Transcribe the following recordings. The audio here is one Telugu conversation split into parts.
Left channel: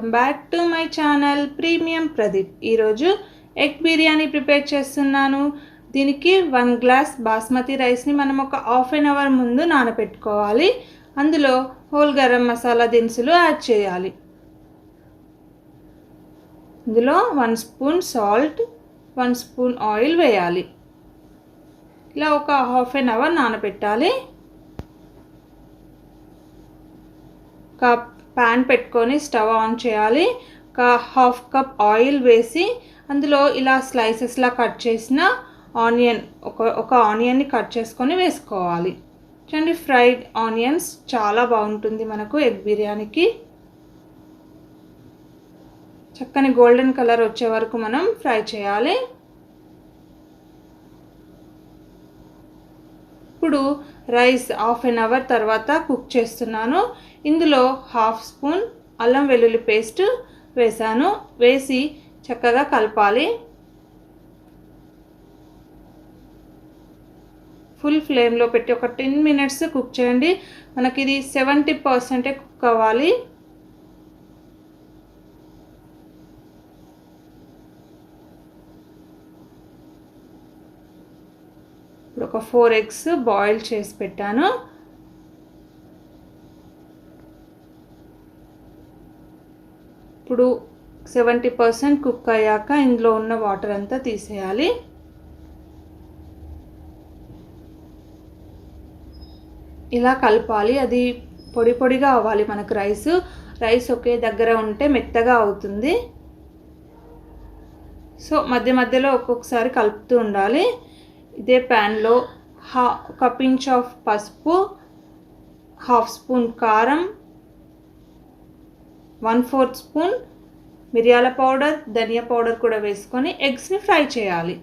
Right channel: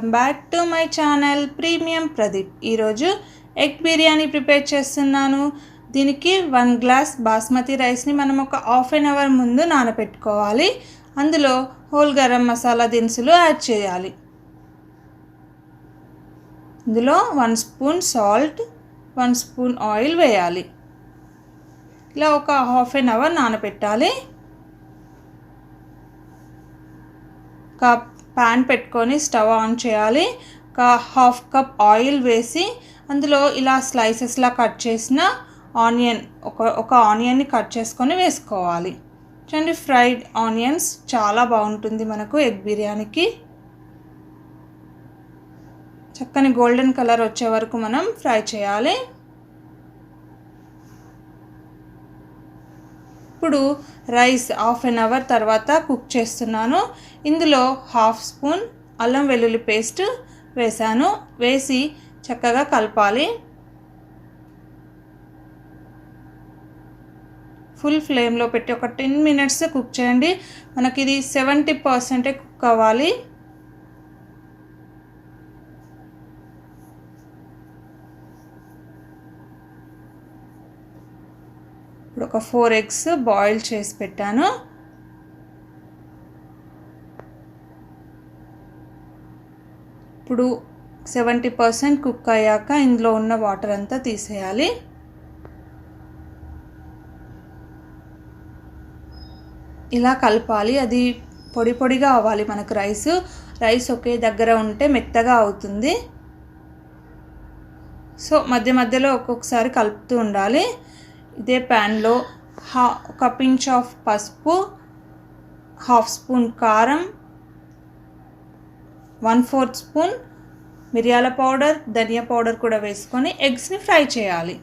Welcome back to my channel premium Pradeep. ఈరోజు ఎగ్ బిర్యానీ ప్రిపేర్ చేస్తున్నాను. దీనికి 1 గ్లాస్ బాస్మతి రైస్ని మనం ఒక హాఫ్ అన్ అవర్ ముందు నానబెట్టుకోవాలి. అందులో హోల్ గరం మసాలా దినుసులు యాడ్ చేయాలి. ఇందులో 1 స్పూన్ సాల్ట్, 1 స్పూన్ ఆయిల్ వేయాలి. ఇలా ఒక హాఫ్ అన్ అవర్ నానబెట్టాలి. ఒక ప్యాన్ పెట్టుకొని స్టవ్ ఆన్ చేయాలి. ఒక హాఫ్ కప్ ఆయిల్ వేసి అందులో ఇలా స్లైసెస్లా కట్ చేసిన ఆనియన్ ఒక ఆనియన్ని కట్ చేసుకొని వేసుకోవాలి. చూడండి, ఫ్రైడ్ ఆనియన్స్ చాలా బాగుంటుంది మనకు ఎగ్ బిర్యానీకి. చక్కని గోల్డెన్ కలర్ వచ్చే వరకు మనం ఫ్రై చేయాలి. ఇప్పుడు రైస్ హాఫ్ అన్ అవర్ తర్వాత కుక్ చేస్తున్నాను. ఇందులో హాఫ్ స్పూన్ అల్లం వెల్లుల్లి పేస్ట్ వేసాను. వేసి చక్కగా కలపాలి. ఫుల్ ఫ్లేమ్లో పెట్టి ఒక 10 మినిట్స్ కుక్ చేయండి. మనకి ఇది 70% కుక్ అవ్వాలి. ఇప్పుడు ఒక 4 ఎగ్స్ బాయిల్ చేసి పెట్టాను. ఇప్పుడు 70% కుక్ అయ్యాక ఇందులో ఉన్న వాటర్ అంతా తీసేయాలి. ఇలా కలపాలి. అది పొడి పొడిగా అవ్వాలి మనకు. రైస్ ఒకే దగ్గర ఉంటే మెత్తగా అవుతుంది. సో మధ్య మధ్యలో ఒక్కొక్కసారి కలుపుతూ ఉండాలి. ఇదే ప్యాన్లో ఒక పించ్ ఆఫ్ పసుపు, హాఫ్ స్పూన్ కారం, 1/4 స్పూన్ మిరియాల పౌడర్, ధనియా పౌడర్ కూడా వేసుకొని ఎగ్స్ని ఫ్రై చేయాలి.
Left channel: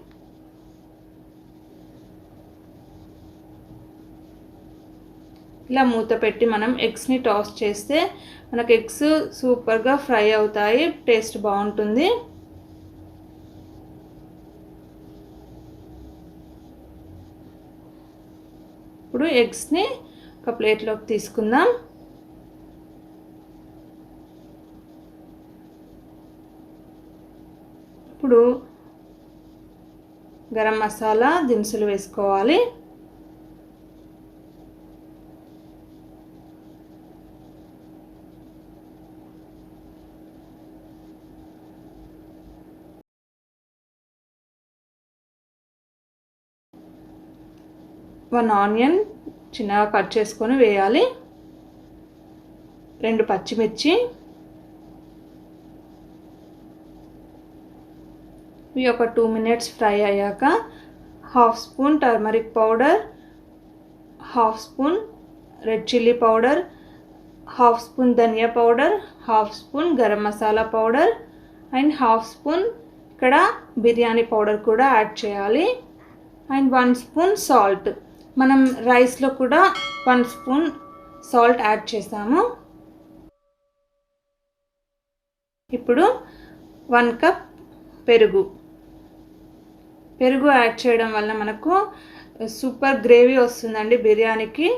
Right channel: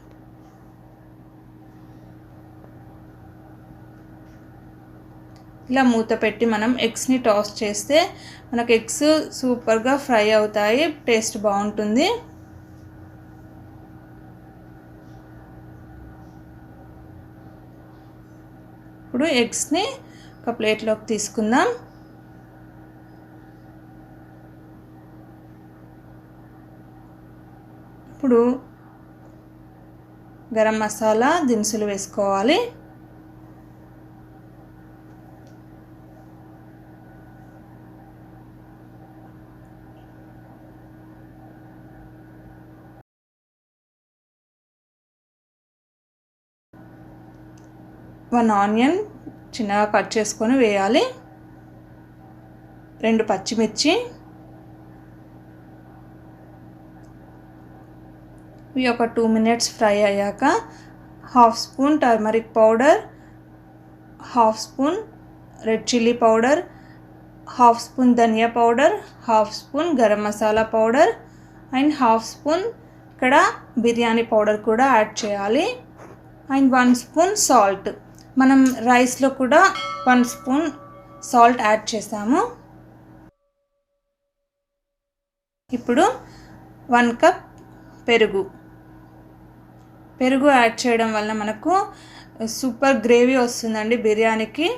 ఇలా మూత పెట్టి మనం ఎగ్స్ని టాస్ చేస్తే మనకు ఎగ్స్ సూపర్గా ఫ్రై అవుతాయి. టేస్ట్ బాగుంటుంది. ఇప్పుడు ఎగ్స్ని ఒక ప్లేట్లోకి తీసుకుందాం. ఇప్పుడు గరం మసాలా దినుసులు వేసుకోవాలి. వన్ ఆనియన్ చిన్నగా కట్ చేసుకొని వేయాలి. 2 పచ్చిమిర్చి, ఇవి ఒక 2 మినిట్స్ ఫ్రై అయ్యాక half spoon turmeric powder, half spoon red chilli powder, half spoon dhania powder, half spoon garam masala powder and half spoon ఇక్కడ బిర్యానీ పౌడర్ కూడా యాడ్ చేయాలి. And 1 spoon salt. మనం రైస్లో కూడా 1 స్పూన్ సాల్ట్ యాడ్ చేసాము. ఇప్పుడు 1 కప్ పెరుగు యాడ్ చేయడం వల్ల మనకు సూపర్ గ్రేవీ వస్తుందండి బిర్యానీకి.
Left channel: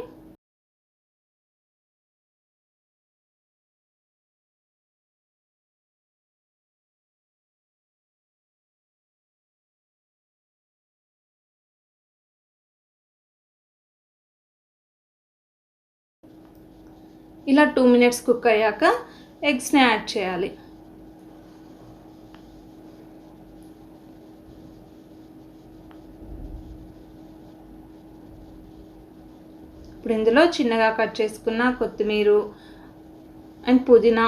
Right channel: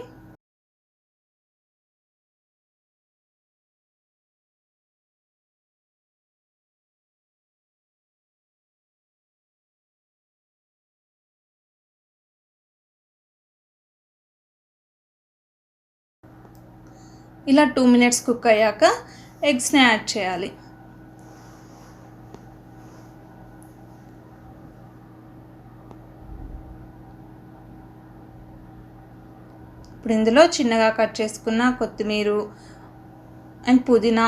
ఇలా 2 మినిట్స్ కుక్ అయ్యాక ఎగ్స్ని యాడ్ చేయాలి. ఇప్పుడు ఇందులో చిన్నగా కట్ చేసుకున్న కొత్తిమీర అండ్ పుదీనా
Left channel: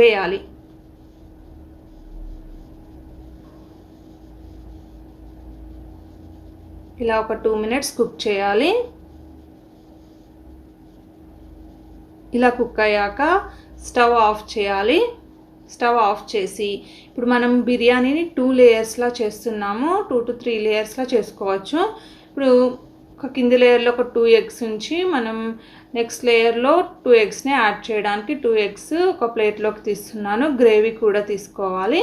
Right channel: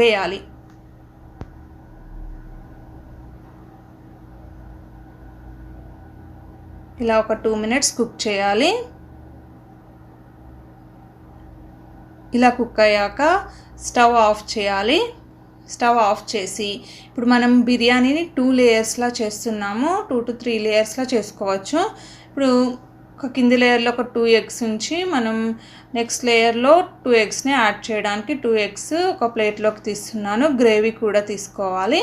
వేయాలి. ఇలా ఒక 2 మినిట్స్ కుక్ చేయాలి. ఇలా కుక్ అయ్యాక స్టవ్ ఆఫ్ చేయాలి. స్టవ్ ఆఫ్ చేసి ఇప్పుడు మనం బిర్యానీని 2 లేయర్స్లా చేస్తున్నాము. 2 to 3 లేయర్స్లా చేసుకోవచ్చు. ఇప్పుడు ఒక కింది లేయర్లో ఒక 2 ఎగ్స్ ఉంచి మనం నెక్స్ట్ లేయర్లో 2 ఎగ్స్ని యాడ్ చేయడానికి 2 ఎగ్స్ ఒక ప్లేట్లోకి తీస్తున్నాను. గ్రేవీ కూడా తీసుకోవాలి.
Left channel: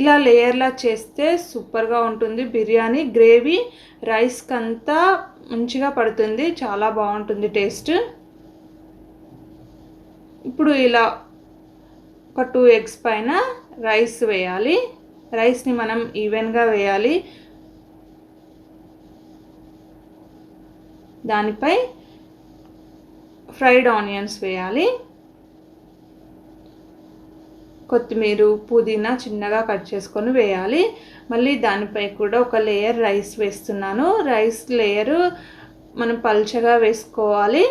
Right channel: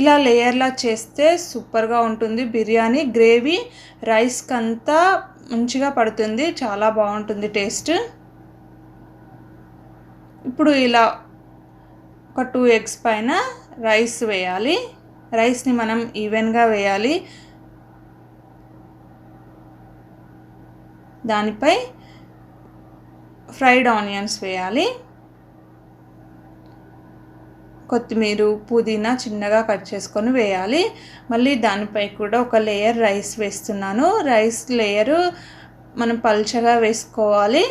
ఇలా లేయర్లా చేస్తే సూపర్గా ఉంటుంది బిర్యానీ. గ్రేవీ రైస్కి అంతా మంచిగా పడుతుంది. చాలా బాగుంటుంది టేస్ట్. ఇప్పుడు ఇలా ఒక 2 ఎగ్స్ పైన రైస్ వేయాలి. రైస్ని మనం ఈవెన్గా వేయాలి. దానిపై ఫ్రైడ్ ఆనియన్స్ వేయాలి. కొత్తిమీర, పుదీనా చిన్నగా కట్ చేసుకొని వేయాలి. మళ్ళీ దానిపై కూడా ఒక లేయర్ రైస్ వేస్తున్నాను. రైస్ లేయరు మనం పల్చగా వేసుకోవాలి.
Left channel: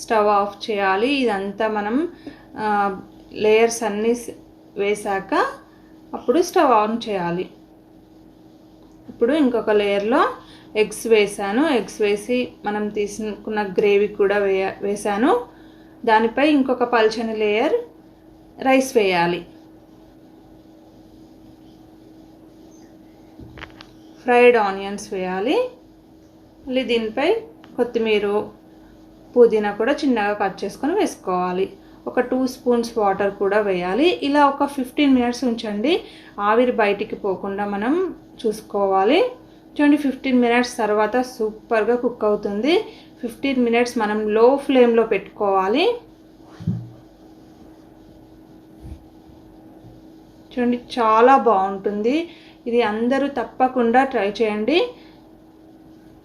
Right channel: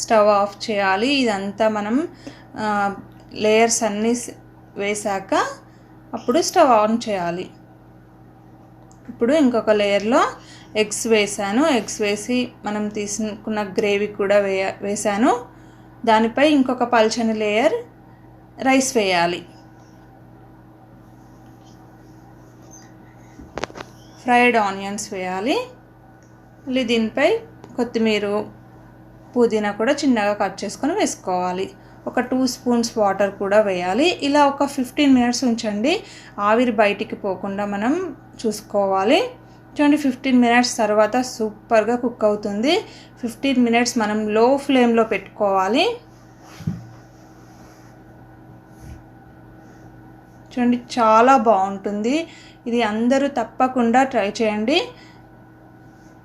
స్టవ్ ఆఫ్ చేయాలి. ఇదంతా మనం లేయర్స్ అన్నీ వేసాక అప్పుడు స్టవ్ ఆన్ చేయాలి. ఇప్పుడు ఇంకొక లేయర్లో ఎగ్స్ వేసాను. ఎగ్స్ వేసి మనం తీసుకున్న గ్రేవీ కూడా వేసాను. దానిపై ఇంకొక పల్చని లేయర్ రైస్ వేయాలి. ఫ్రైడ్ ఆనియన్స్ వేయాలి. మళ్ళీ దీనిపై కొత్తిమీర, పుదీనా కూడా చిన్నగా కట్ చేసుకొని వేసుకోవాలి. ఒక 2 స్పూన్స్ వాటర్ కూడా వేయాలి. ఇలా ఒక 15 మినిట్స్ ఉంచండి. ఆవిరి బయటికి పోకుండా మనం చూసుకోవాలి. చూడండి, 15 మినిట్స్ తర్వాత సూపర్గా కుక్ అవుతుంది. 15 మినిట్స్ మనం లో ఫ్లేమ్లో పెట్టుకోవాలి. చూడండి, చాలా బాగుంటుంది. ఇది అందరూ తప్పకుండా ట్రై చేయండి.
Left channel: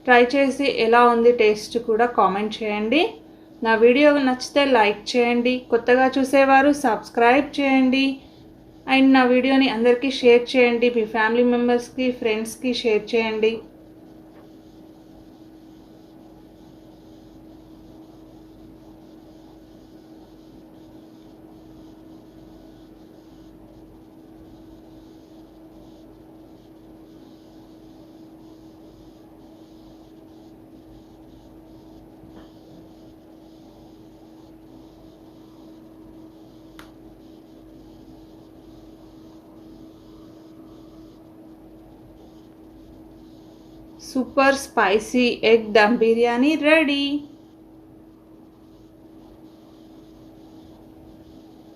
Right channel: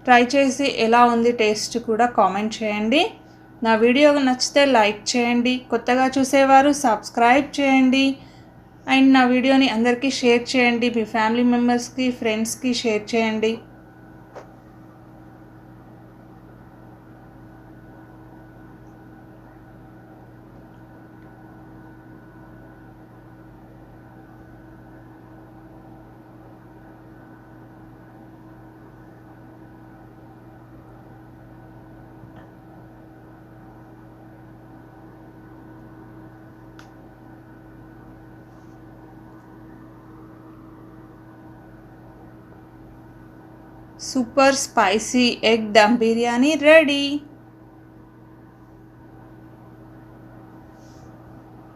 ట్రై చేసి ఎలా ఉంది టేస్ట్ కూడా కామెంట్ చేయండి. నా వీడియో నచ్చితే లైక్ చేయండి. కొత్తగా చూసేవారు సబ్స్క్రైబ్ చేయండి. అండ్ నా వీడియోని అందరికీ షేర్ చేయండి. మీ ఫ్యామిలీ మెంబర్స్కి, ఫ్రెండ్స్కి షేర్ చేయండి. Super spicy egg dum biryani ready.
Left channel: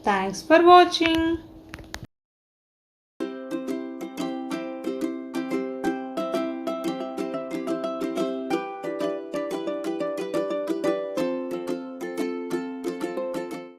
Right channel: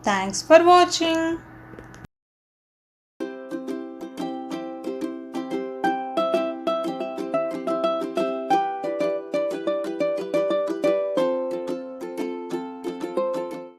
Thanks for watching.